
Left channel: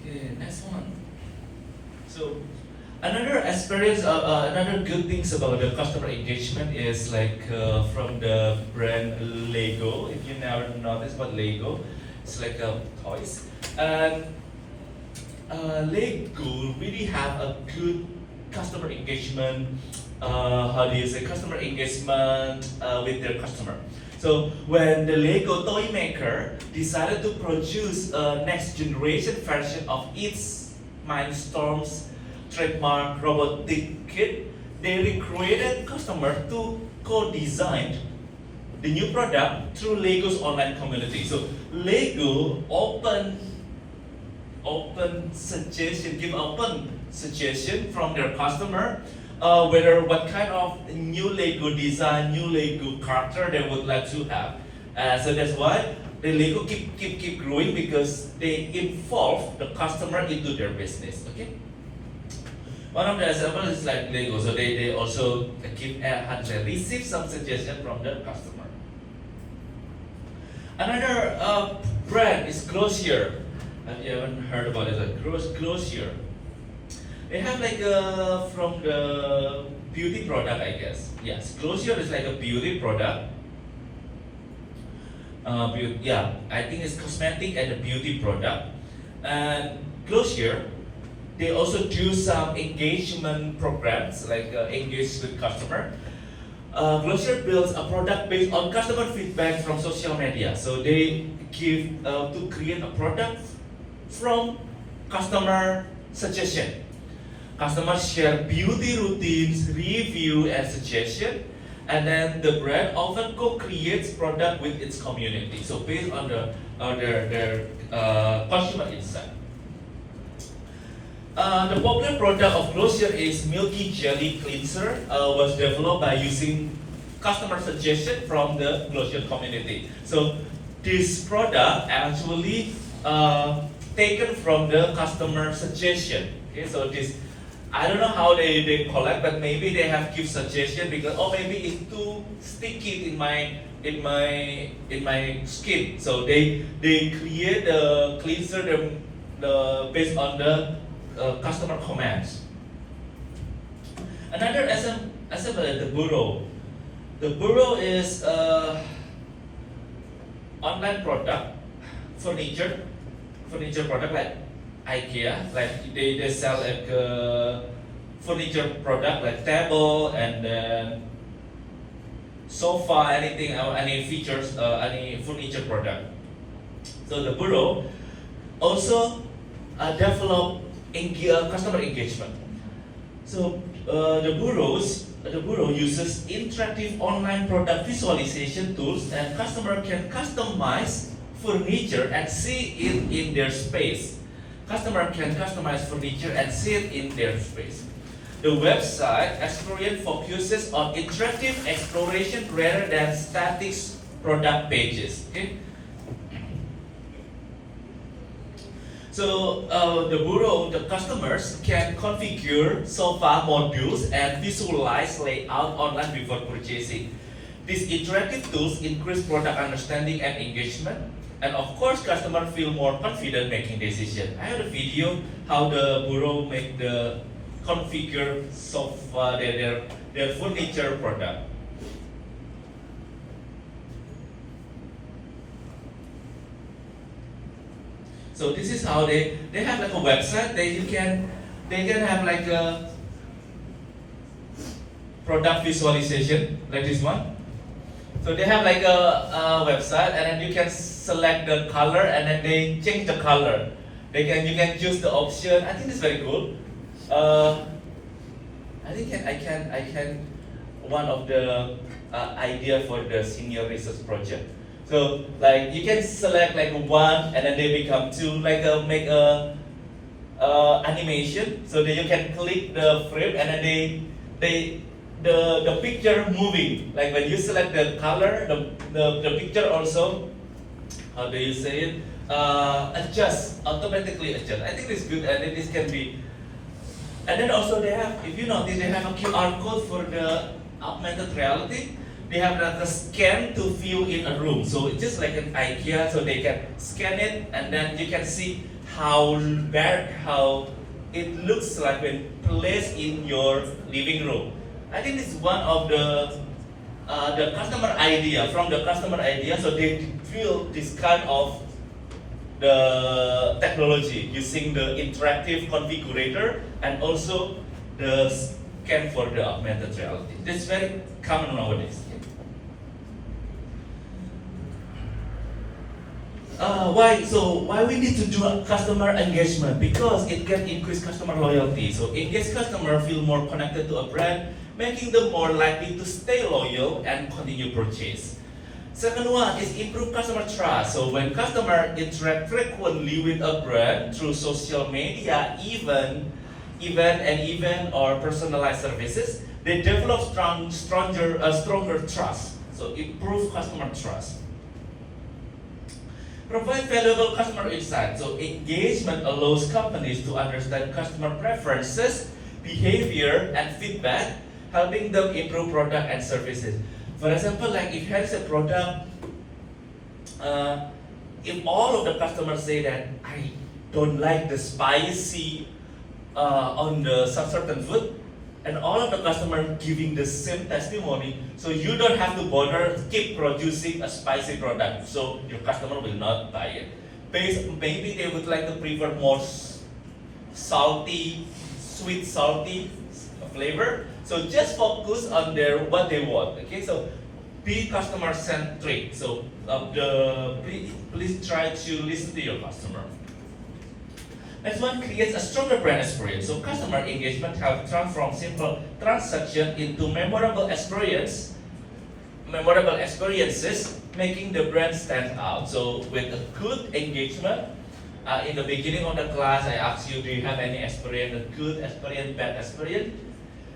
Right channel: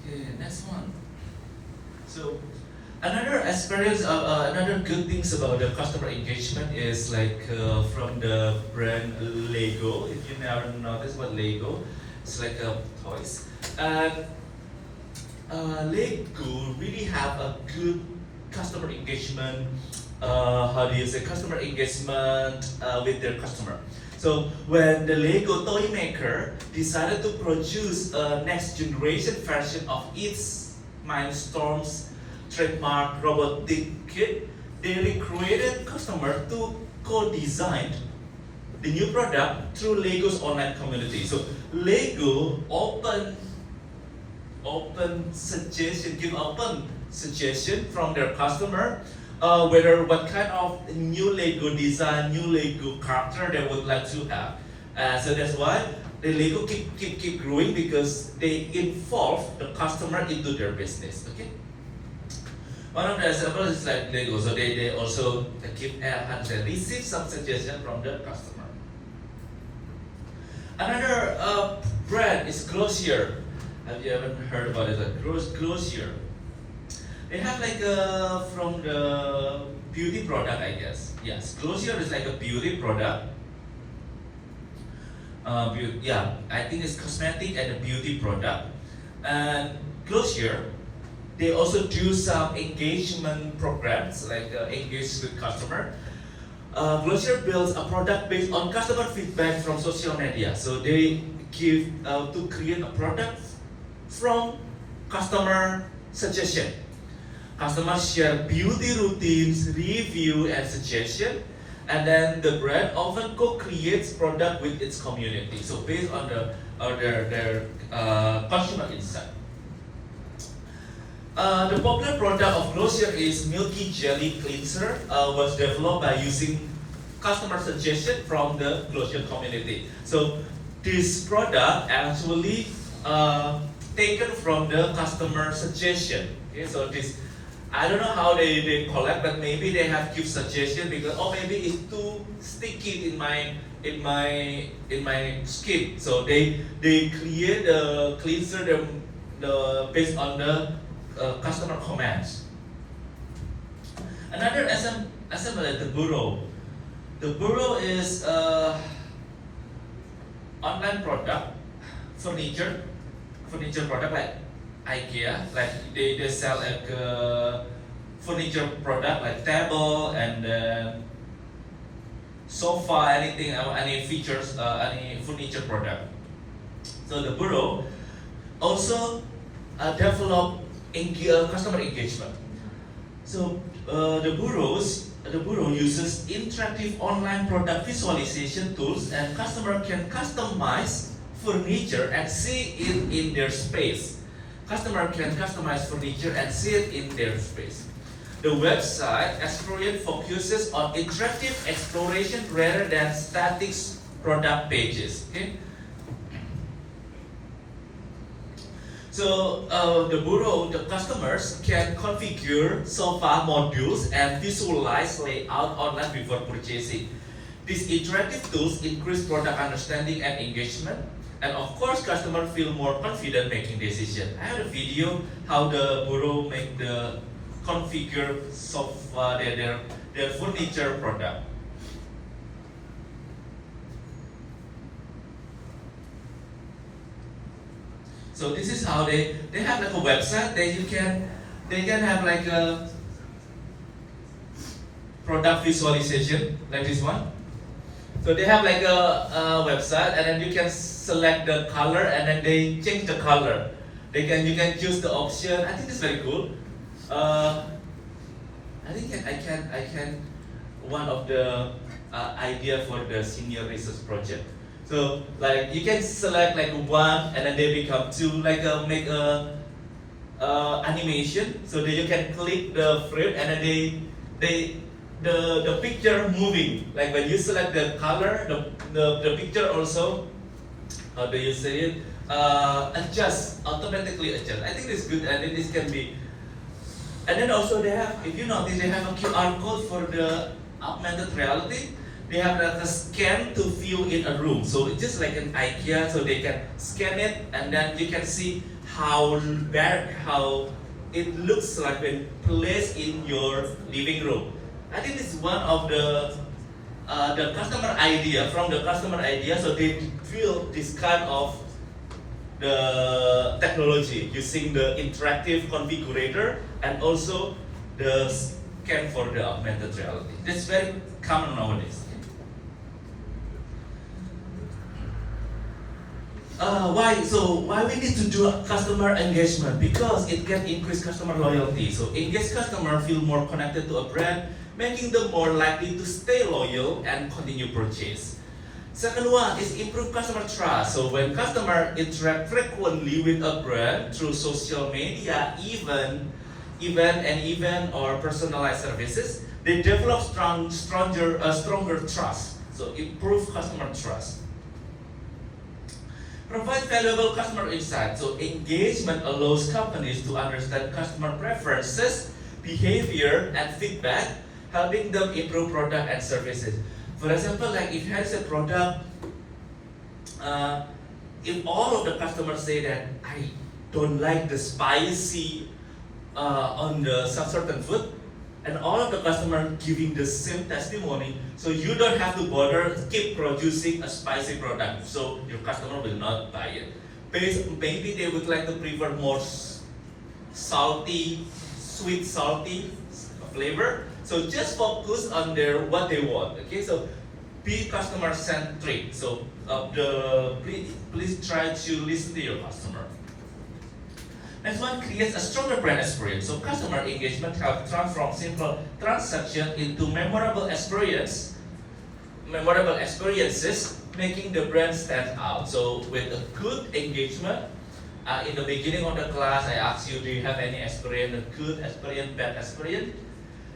Okay, next one. So another experience, another good things about the customer engagement is like from the brand Lego. If you never noticed what Lego, it's like toys. And Lego really have a good customer engagement. How do you say customer engagement with their customer? So when the Lego toy maker decided to produce a next generation version of its Mindstorm's trademark robotic kit, they recreated customer to co-design the new product through Lego's online community. So Lego give open suggestion from their customer whether what kind of new Lego design, new Lego character they would like to have. So that's why the Lego keep growing, because they involve the customer into their business. Okay. One of the examples is like Lego. So they also receive some suggestion from the customer. Another brand is Glossier. Have you ever heard about it? Like Glossier. They have like from the beauty product, I guess. Yes, Glossier is like a beauty product. I think it's cosmetic and a beauty product. And Glossier, they also do some engagement programs, like engage with customer. Glossier builds a product based on customer feedback from social media. So they give to create a product from customer suggestion. Customers share beauty routines, review, and suggestion, and then the brand often co-creates product with its community. So based on their consumer insight. The popular product of Glossier is Milky Jelly Cleanser, was developed by using customer suggestion from the Glossier community. So this product actually taken from the customer suggestion. Okay, so this, I don't know how they collect, but maybe they have give suggestion because maybe it's too sticky in my skin. So they create the cleanser based on the customer commands. Another example is the Burrow. The Burrow is online product, furniture product like IKEA, like they sell like furniture product like table and then sofa, anything, any features, any furniture product. So the Burrow also develop customer engagement. So the Burrow uses interactive online product visualization tools, and customer can customize furniture and see it in their space. Customer can customize furniture and see it in their space. The website experience focuses on interactive exploration rather than static product pages. Okay. So the customers can configure sofa modules and visualize layout online before purchasing. These interactive tools increase product understanding and engagement, and of course, customers feel more confident making decisions. I had a video how the bureau make the configure their furniture product. So this is how they have like a website that they can have like a product visualization like this one. So they have like a website, and then you can select the color, and then they change the color. You can choose the option. I think it's very cool. I think I can one of the idea for the senior research project. So like you can select like one, and then they become two. Like make a animation, so that you can click the frame, and then the picture moving. Like when you select the color, the picture also, how do you say it? Automatically adjust. I think it's good, and this can be. And then also they have, if you notice, they have a QR code for the augmented reality. They have the scan to view in a room. So it's just like an IKEA, so they can scan it, and then you can see how it looks like when placed in your living room. I think it's one of the customer idea, from the customer idea, so they build this kind of the technology using the interactive configurator and also the scan for the augmented reality. That's very common nowadays. Why we need to do customer engagement? Because it can increase customer loyalty. So engaged customer feel more connected to a brand, making them more likely to stay loyal and continue purchase. Second one is improve customer trust. So when customer interact frequently with a brand through social media, event or personalized services, they develop stronger trust. So improve customer trust. Provide valuable customer insight. So engagement allows companies to understand customer preferences, behavior, and feedback, helping them improve product and services. For example, like if there is a product, if all of the customers say that I don't like the spicy on the some certain food, and all of the customers giving the same testimony, so you don't have to bother keep producing a spicy product, so your customer will not buy it. Maybe they would like to prefer more salty, sweet salty flavor. So just focus on what they want. Okay, so be customer centric. So please try to listen to your customer. Next one, creates a stronger brand experience. So customer engagement helps transform simple transaction into memorable experiences, making the brand stand out. So with a good engagement, in the beginning of the class, I asked you, do you have any experience, a good experience, bad experience?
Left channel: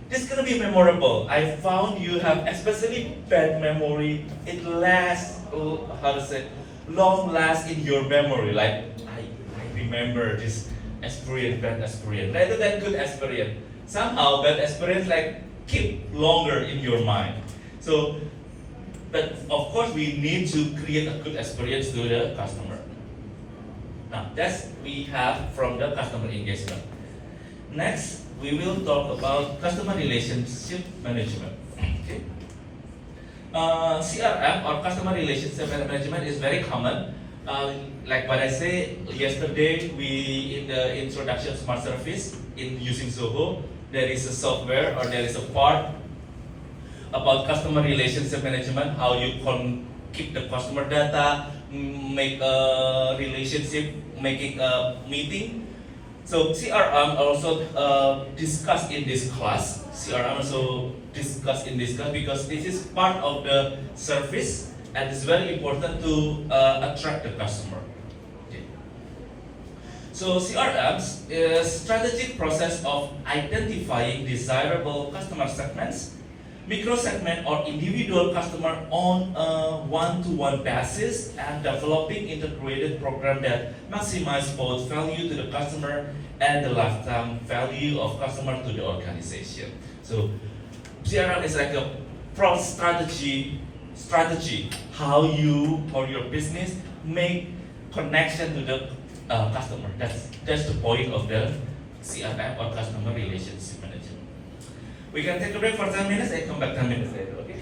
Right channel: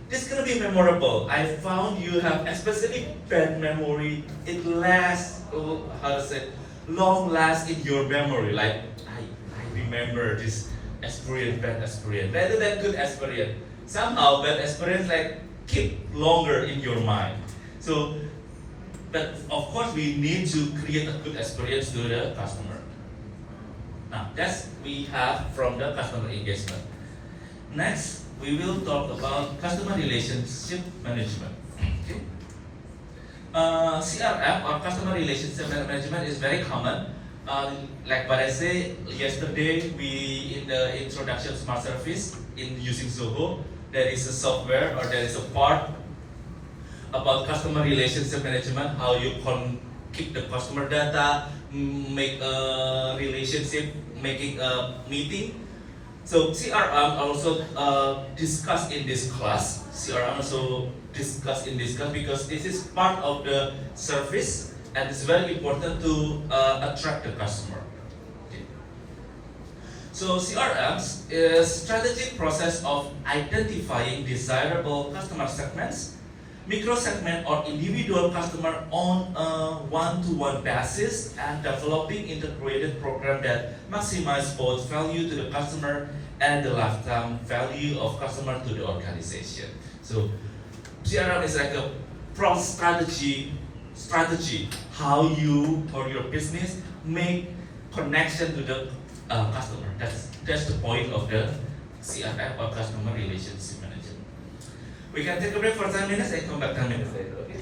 This is gonna be memorable. I found you have especially bad memory. It lasts, long lasts in your memory. Like I remember this experience, bad experience, rather than good experience. Somehow bad experience like keep longer in your mind. So, but of course we need to create a good experience to the customer. Now that's we have from the customer engagement. Next, we will talk about customer relationship management. Okay. CRM or customer relationship management is very common. Like what I said yesterday, we in the introduction of smart service in using Zoho, there is a software or there is a part about customer relationship management, how you can keep the customer data, make a relationship, making a meeting. So CRM also discussed in this class. Because this is part of the service and it's very important to attract the customer. Okay. So CRMs is strategic process of identifying desirable customer segments, micro segment or individual customer on a one-to-one basis and developing integrated program that maximize both value to the customer and the lifetime value of customer to the organization. So CRM is like a broad strategy strategy, how you or your business make connection to the customer. That's the point of the CRM or customer relationship manager. We can take a break for 10 minutes and come back 10 minutes later, okay?